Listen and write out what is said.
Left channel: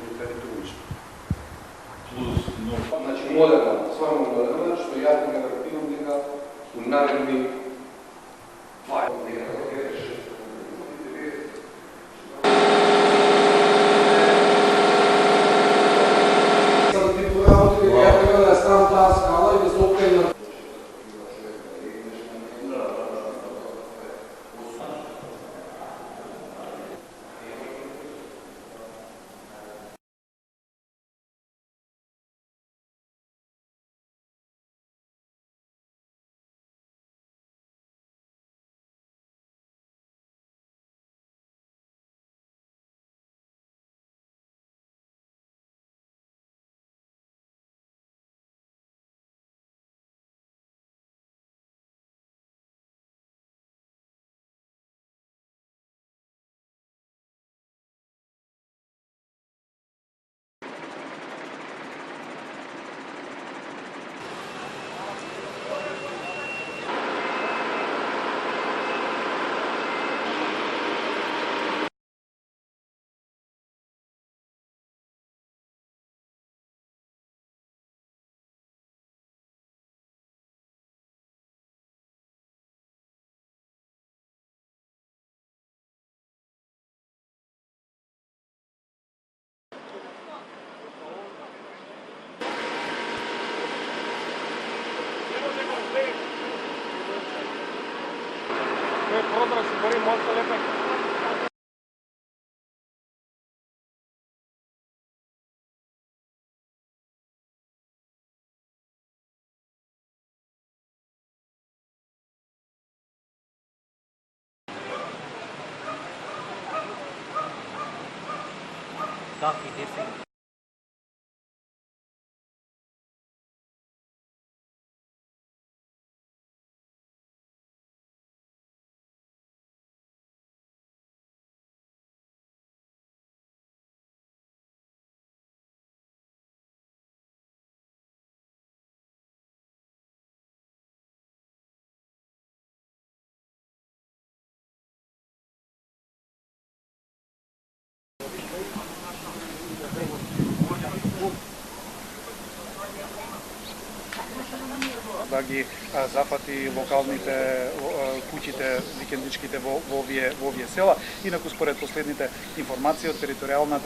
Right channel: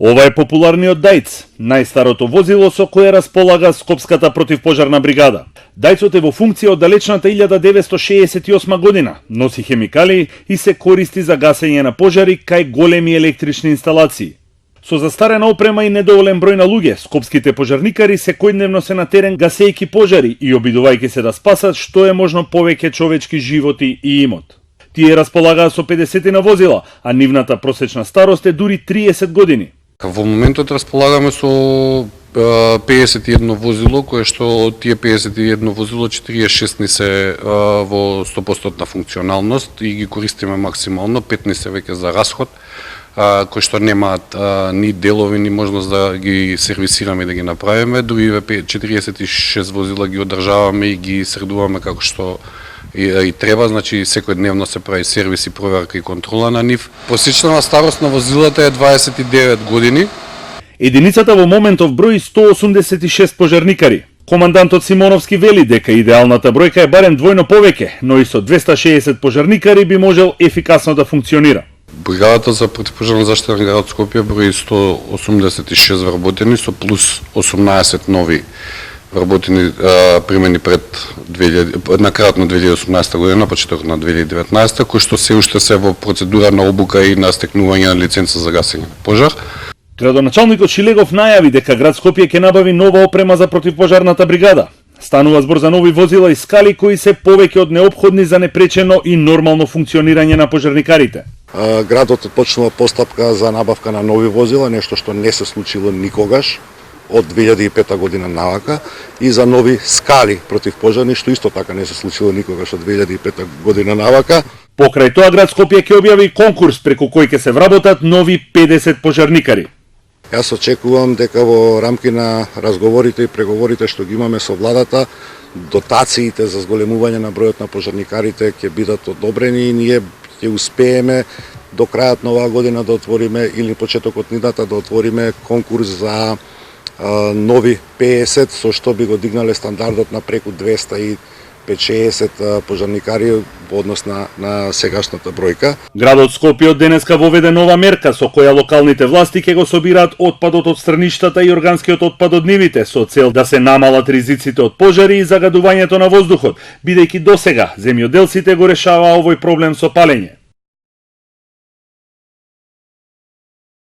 Ова е популарниот Дајц, најстарото возило со кое располага Скопската противпожарна бригада. Дајцот е во функција од далечната 1968 година, носи хемикали и се користи за гасење на пожари кај големи електрични инсталации. Со застарена опрема и недоволен број на луѓе, скопските пожарникари секојдневно се на терен гасејќи пожари и обидувајќи се да спасат што е можно повеќе човечки животи и имот. Тие располагаат со 50 на возила, а нивната просечна старост е дури 30 години. Во моментот располагаме со 51 возило, кое што од тие 51 возило 46 ни се во 100% функционалност и ги користиме максимално, 5 ни се веќе за расход, кои што немаат ни делови, ни можност да ги сервисираме и да ги направиме. Другиве 46 возила ги одржаваме и ги средуваме како што и треба, значи секојдневно се прави сервис и проверка и контрола на нив. Просечната старост на возилата е 29 години. Единицата во моментов брои 186 пожарникари. Командантот Симоновски вели дека идеалната бројка е барем двојно повеќе, но и со 260 пожарникари би можел ефикасно да функционира. Бригадата за противпожарна заштита на градот Скопје брои 186 вработени со плюс 18 нови вработени примени на крајот на 2018 година, почеток на 2019, кои што се уште се во процедура на обука и на стекнување на лиценца за гасење на пожар. Градоначалникот Шилегов најави дека град Скопје ќе набави нова опрема за противпожарната бригада. Станува збор за нови возила и скали кои се повеќе од неопходни за непречено и нормално функционирање на пожарникарите. Градот почнува постапка за набавка на нови возила, нешто што не се случило никогаш од 2005 година навака, и за нови скали противпожарни, што исто така не се случило никогаш од 2005 година навака. Покрај тоа град Скопје ќе објави конкурс преку кој ќе се вработат нови 50 пожарникари. Јас очекувам дека во рамки на разговорите и преговорите што ги имаме со владата, дотациите за зголемување на бројот на пожарникарите ќе бидат одобрени и ние ќе успееме до крајот на оваа година да отвориме или почетокот нидната да отвориме конкурс за нови 50, со што би го дигнале стандардот на преку 250-60 пожарникари во однос на сегашната бројка. Градот Скопје од денеска воведе нова мерка со која локалните власти ќе го собираат отпадот од страништата и органскиот отпад од нивите со цел да се намалат ризиците од пожари и загадувањето на воздухот, бидејќи досега земјоделците го решаваа овој проблем со палење. Инаку според последните информации од територијалната